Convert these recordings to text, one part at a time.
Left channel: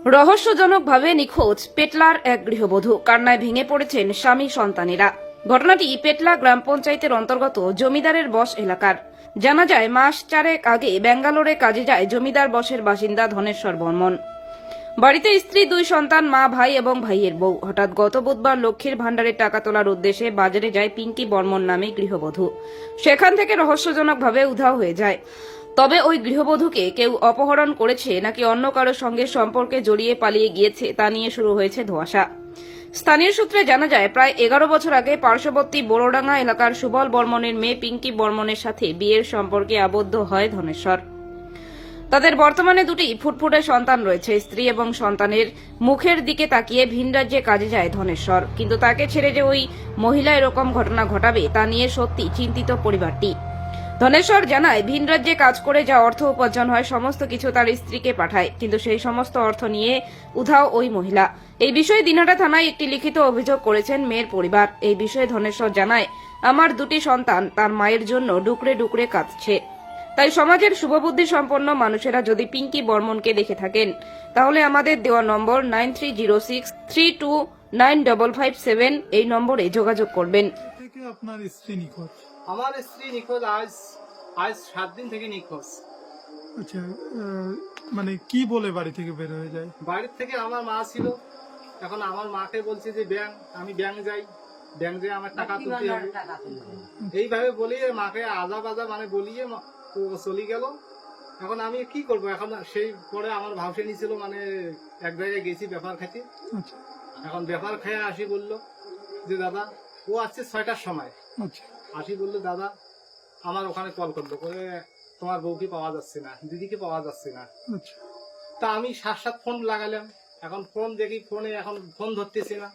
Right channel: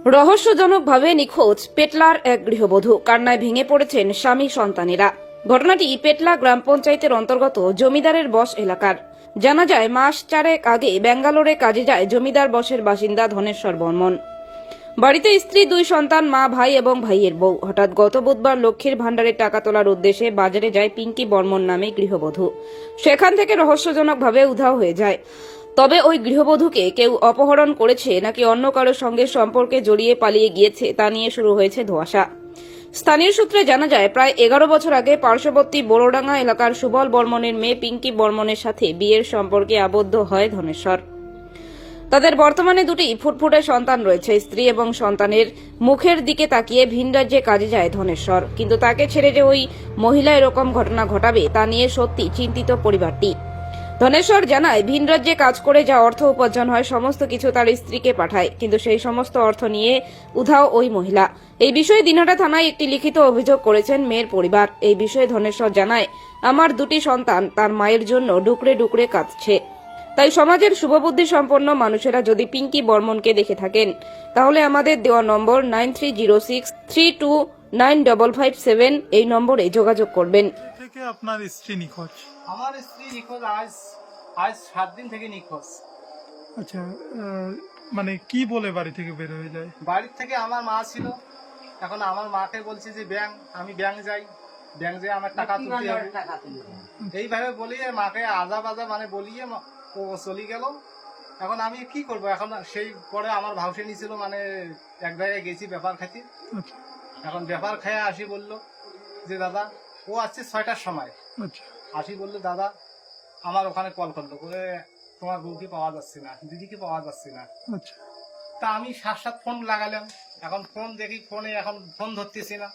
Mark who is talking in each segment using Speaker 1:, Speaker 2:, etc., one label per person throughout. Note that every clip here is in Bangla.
Speaker 1: রহস্যজনকভাবে নিখোঁজ পেটলার এক গৃহবধূ। কান্নায় ভেঙে পড়েছেন স্বামী সন্তানেরা। ঘটনাটি পেটলা গ্রাম পঞ্চায়েতের অন্তর্গত জমিদারের বশ এলাকার। জানা যায়, মাস 4 আগে ব্যাঙ্গালোরে কাজে যায় জমিদার বশের বাসিন্দা ধনেশ্বর বর্মন। বাড়িতে স্ত্রী, 2 সন্তান, মা, ভাই এবং ভাইয়ের বউ। হঠাৎ গত বুধবার লক্ষ্মীর ভাণ্ডারের টাকা তোলার উদ্দেশ্যে বাজারে যায় পিঙ্কি বর্মন নামে গৃহবধূ। সেখান থেকে রহস্যজনকভাবে উধাও হয়ে যায়। তবে ওই গৃহবধূকে কেউ অপহরণ করেছে নাকি অন্য কারোর সঙ্গে সম্পর্কে জড়িয়ে পালিয়ে গিয়েছে তা নিয়ে শুরু হয়েছে ধোঁয়াশা। স্থানীয় সূত্রে জানা যায়, প্রায় 11 বছর আগে পার্শ্ববর্তী বোরোডাঙ্গা এলাকার সুবল বর্মনের মেয়ে পিঙ্কি বর্মনের সাথে বিয়ের সম্পর্কে আবদ্ধ হয় ধনেশ্বর। তাদের বর্তমানে 2টি ফুটফুটে সন্তান রয়েছে। স্ত্রী এবং সন্তানের মুখের দিকে তাকিয়ে ভিন রাজ্যে কাজে যায় ধনেশ্বর। কিন্তু তাকে ছেড়ে যে ওই মহিলা এরকম ঘটনা ঘটাবে তা নিয়ে সত্যি চিন্তিত পরিবারটি। ধনেশ্বর জানায়, ভিন রাজ্যে কাজ করে যা অর্থ উপার্জন হয় সমস্ত কিছু তার স্ত্রীকে পাঠায়, কিন্তু সেই সমস্ত অর্থ নিয়ে উধাও ওই মহিলা। এই বিষয়ে দিনহাটা থানায় একটি লিখিত অভিযোগ করেছেন মেয়ের পরিবার। এই বিষয়ে ধনেশ্বর জানায়, আমার 2টি সন্তান তার মায়ের জন্য ডুকরে ডুকরে কাঁদছে। তাই সমাজের শুভবুদ্ধি সম্পন্ন মানুষেরা যদি পিঙ্কি বর্মনকে দেখে থাকেন তাহলে আমাদের দেওয়া নম্বর 9306329557 এই নম্বরে যোগাযোগ করবেন।
Speaker 2: থেকে আপনার স্ত্রী নিখোঁজ।
Speaker 3: আমার স্ত্রী নিখোঁজ আজ আজ 7 দিন থেকে নিখোঁজ।
Speaker 2: আচ্ছা, মানে কি বলে বাড়ি থেকে বের হয়ে যায়?
Speaker 3: বাড়ির থেকে আমার মা ছিল, এখন আমার মাকে বলছে যে আমি ব্যাংক যাই, ব্যাংক যেয়ে আমার টাকা তুলতে হবে, এইভাবে বলিয়ে মাকে আজা বাজা মানে বলিয়ে ও চলে গেল। এখন আমি কি করব? এখন সেই পরে আমার ভাউসে ছিল, মানে এক জায়গায় গেছি ব্যাপার খাইতে।
Speaker 2: আচ্ছা
Speaker 3: এখন ব্যাপার খেয়ে আসি, বললো যে দাদা, ও আসছে 6টার সময়
Speaker 2: আচ্ছা
Speaker 3: আসি, বললো দাদা আমার ওখানে কল করলো করে, তোমার বউকে পাওয়া যাচ্ছে না, দিদিকে পাওয়া যাচ্ছে না।
Speaker 2: আচ্ছা
Speaker 3: তা আমি 7 ফোন লাগালাম, এখন ফোন দেখি ফোনে এখন ফোন ধরতেছি না।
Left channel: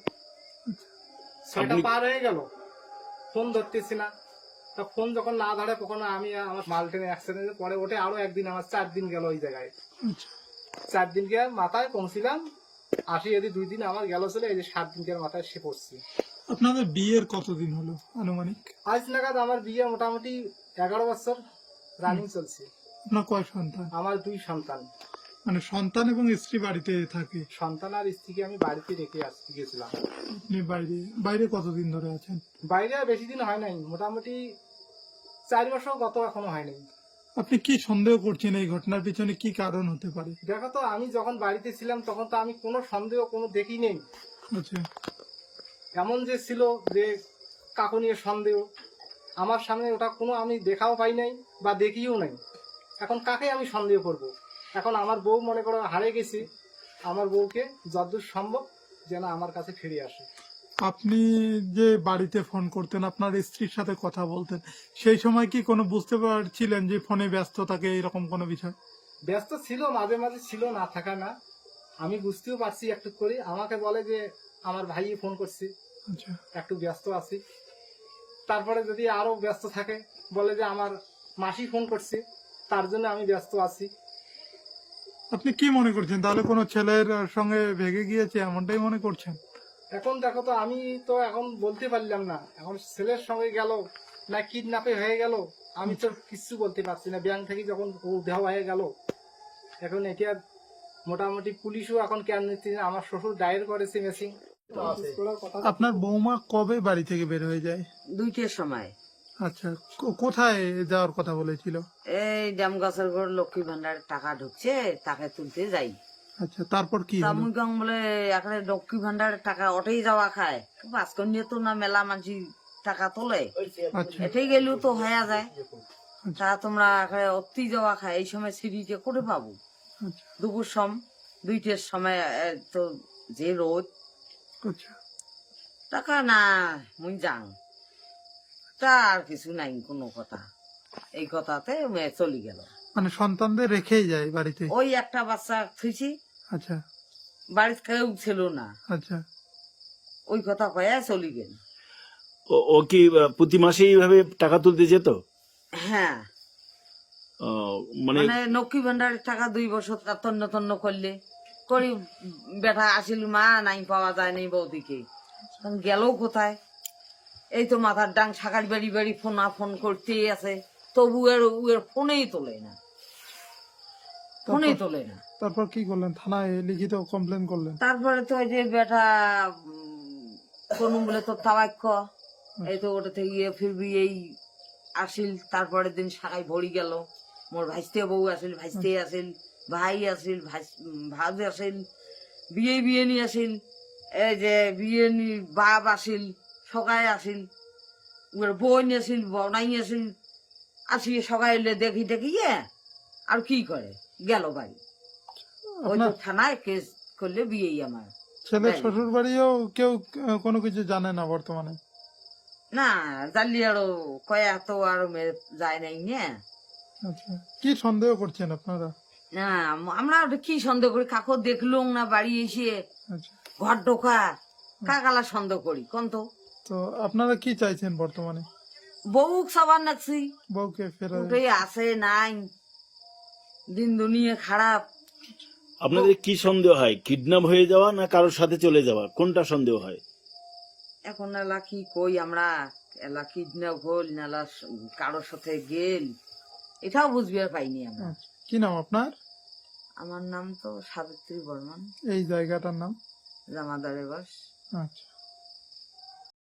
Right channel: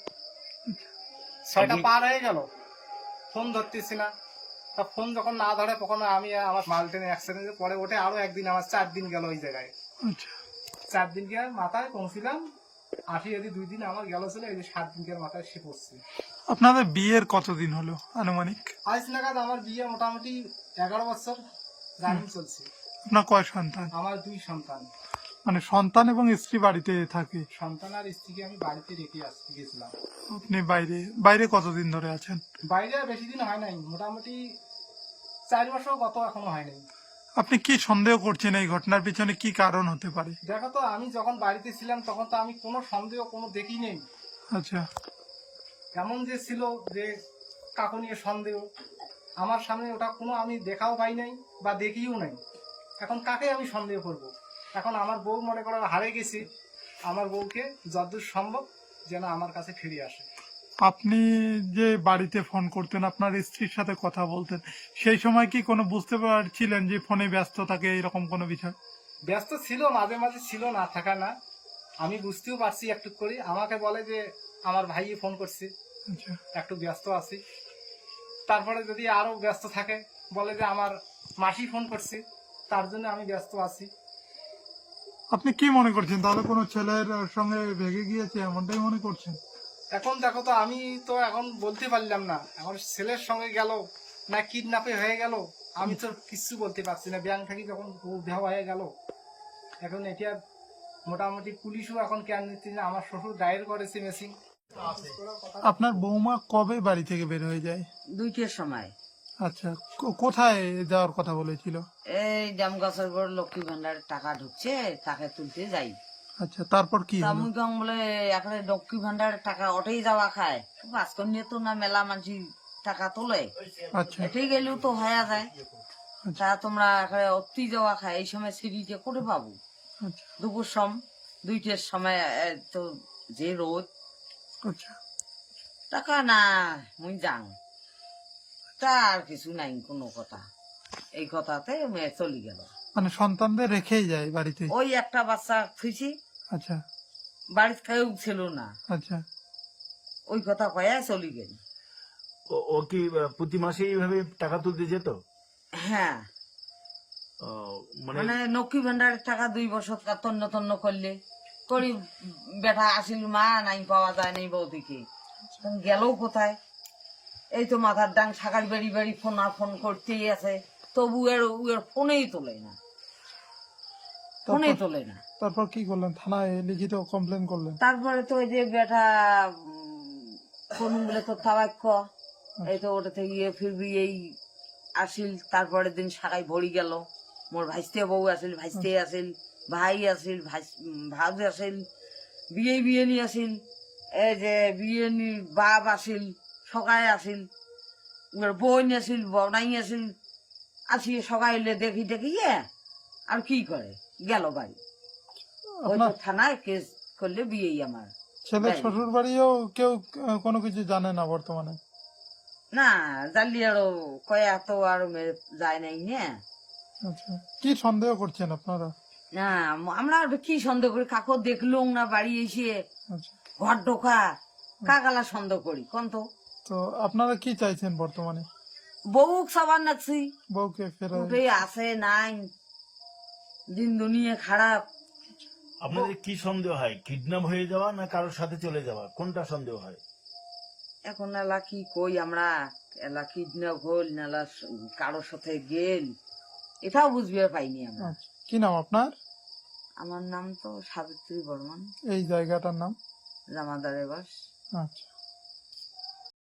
Speaker 3: 6টা পার হয়ে গেল, ফোন ধরতেছি না। তা ফোন যখন না ধরে তখন আমি আমার মালটেনে অ্যাক্সিডেন্টে পরে ওঠে আরো একদিন, আমার 4 দিন গেল ওই জায়গায়।
Speaker 2: আচ্ছা
Speaker 3: 4 দিন গিয়ে মাথায় পৌঁছিলাম, আসি যদি 2 দিন আমার গেল ছিল, এই যে 7 দিন গিয়ে মাথায় সে পড়ছি।
Speaker 2: আপনাদের বিয়ের কতদিন হলো আনুমানিক?
Speaker 3: আজ নাগাদ আমার বিয়ে মোটামুটি 11 বছর রানিং চলছে।
Speaker 2: আপনার কয় সন্তান?
Speaker 3: আমার 2 সন্তান।
Speaker 2: মানে সন্তান এবং স্ত্রী বাড়িতে থাকে?
Speaker 3: সন্তান আর স্ত্রীকে আমি বাড়িতে রেখে গেছিলাম।
Speaker 2: আপনি বাইরে বাইরে কতদিন ধরে আছেন?
Speaker 3: বাইরে আর বেশি দিন হয় নাই, মোটামুটি 4 মাসও গত এখনো হয় নাই।
Speaker 2: আপনি কি সন্দেহ করছেন এই ঘটনার পিছনে কি কারণ হতে পারে?
Speaker 3: দেখো তো, আমি যখন বাড়িতে ছিলাম তখন তো আমি কোনো সন্দেহ কোনো দেখি নেই।
Speaker 2: আচ্ছা
Speaker 3: এমন যে ছিল যে কাকু নিয়ে সন্দেহ, আমার সামনে ওটা কোনো আমি দেখাও পাই নাই বা দেখিও নাই। এখন কাকে আমি সন্দেহ করব? এখন আমার বউ মনে করো হারিয়ে গেছি, আমার বউকে যতদূর সম্ভব যেন আমার কাছে ফিরে আসে।
Speaker 2: আপনি যে বাড়িতে ফোন করতেন, আপনার স্ত্রীর সাথে কথা বলতেন, সেই সময় কি কোনো বুঝতে পারছিলেন যে ফোনে ব্যস্ত থাকে এরকম কোনো বিষয়?
Speaker 3: ব্যস্ত ছিল, মাঝে মাঝে ছিল, না থাকা না, আমি বুঝতেও পারছি একটু করে। আমাকে বলে যে আমার ভাই ফোন করছে,
Speaker 2: আচ্ছা
Speaker 3: একটু ব্যস্ত আছি। তারপরে যদি আরো ব্যস্ত থাকে বলে যে আমার মাসি ফোন করছে, তার জন্য আমি ব্যস্ত আছি।
Speaker 2: আপনি কি মনে করছেন, তাহলে কোনো ছেলের সঙ্গে ভেগে গিয়েছে এমনটাই মনে করছেন?
Speaker 3: এখন দেখো তো, আমি তো এখন বলতে পারলাম না, এখন ছেলের সঙ্গে গেল না কিডন্যাপে হয়ে গেল, আমি তো কিছু বলতে পারছি না। ব্যাংক থেকে যখন উধাও হয়ে গেল, এখন এটা মোটামুটি পুলিশও এখন কেন নিচ্ছে না। আমার শ্বশুর দায়ের করেছে মেসিং।
Speaker 2: আপনার বৌমা কবে বাড়ি থেকে বের হয়ে যায়?
Speaker 4: 2টার সময়।
Speaker 2: আচ্ছা, কোথায় যাওয়ার কথা বলেছিল?
Speaker 4: এই জামগাছের ঘর লক্ষ্মী ভান্ডারের টাকা ঢুকছে, তাকে তুলতে যাই।
Speaker 2: আচ্ছা, তারপর কি হলো?
Speaker 4: মুই বলে এখানে লক্ষ্মী ভান্ডারের টাকা ওটাই যাওয়া খায়, পাঁচকন নিয়ে তো না মেলা মানুষ টাকা তোলে,
Speaker 2: আচ্ছা
Speaker 4: এটাই গেলেও তো হয়ে যায়।
Speaker 2: আচ্ছা
Speaker 4: তা তোমরা অতি যাওয়া খায়, এই সময় সিঁড়িতে করে পাবো?
Speaker 2: আচ্ছা
Speaker 4: দুপুর 2টার সময় তো যে রোদ,
Speaker 2: আচ্ছা
Speaker 4: টাকা না মুই যাং, তা আর কিছু নাই কোনো কথা। এই কথাতে চলে গেল।
Speaker 2: মানে সন্তানদের রেখেই যায় বাড়িতে?
Speaker 4: ওই একটা বাচ্চা থুইছি,
Speaker 2: আচ্ছা
Speaker 4: বাড়িতে কেউ ছিল না,
Speaker 2: আচ্ছা
Speaker 4: ওই কথা কয়ে চলে গেল।
Speaker 5: ও কি প্রতি মাসে এইভাবে টাকা তুলতে যেত?
Speaker 4: হ্যাঁ,
Speaker 5: মানে
Speaker 4: মানে লক্ষ্মী ভান্ডারের টাকা 2 বছর তন্ন তন্ন করলে করি বেটা আসিল, মা নাই পাওয়া যায় নাই বৌদিকে, গেল কোথায়? এই তো মাথার ডাং সাকার বাড়ি বাড়ি ফোন করতেই আছে, তবু এর ফোনেই তোলে না। ফোনে তোলে না।
Speaker 2: তারপর কি করলেন? থানায় লিখিত কমপ্লেন করলেন?
Speaker 4: তারপরে তো ওই যে বেটা কোন বলে তো তাবাক্য এই তো ওটা থেকে ফিরবি এই আসিল। তারপরের দিন শাখায় ভরি গেল, মোর ভাইস্তে বউ আসিল, ভাইস্তে আসিল, ভাই আসিল, ভাজ আসিল, বিয়ে নি আসিল, এই যে বিয়ে নি বাপ আসিল, সকায় আসিল, বোন আসিল, বনাই আসিল, আসি সকালে দেখি আর কি করে গেল বাড়ি। ওই তো থানায় কেস করলে বিয়েই আমার।
Speaker 2: ছেলের
Speaker 4: তাই।
Speaker 2: শ্বশুর বাড়িও কেউ কোনো কিছু জানে না বর্তমানে?
Speaker 4: না জানলি আরো কয়া তো আরো যায় নাই না।
Speaker 2: আচ্ছা, কি সন্দেহ করছেন আপনারা?
Speaker 4: না আমরা ওটা কি সন্দেহ করি, কাকো দেখলুম না বাড়ি এসে
Speaker 2: আচ্ছা,
Speaker 4: ঘর ঢোকা, কাকালা সন্দেহ করি কোন তো।
Speaker 2: তো আপনারা কি চাইছেন বর্তমানে?
Speaker 4: বউ সবার নাকছি
Speaker 2: বউকে ফেরা?
Speaker 4: উঠে আছে নাই, দিন দুনিয়া খারাপ।
Speaker 5: আপনাদের কি সন্দেহ হয়, কিডন্যাপ হয়ে যাওয়া না কারোর সাথে চলে যাওয়া, কোনটা সন্দেহ হয়?
Speaker 4: এখন এলা কি কই আমরা, এলা কিডন্যাপ হল নালা কারোর সাথে গেল, এটাও বুঝবে পাইনি আমরা।
Speaker 2: আচ্ছা, কি নাম আপনার?
Speaker 4: আমার নাম তো সাবিত্রী বর্মন,
Speaker 2: এই জায়গাটার নাম?
Speaker 4: জামাদারে বাস।
Speaker 2: আচ্ছা।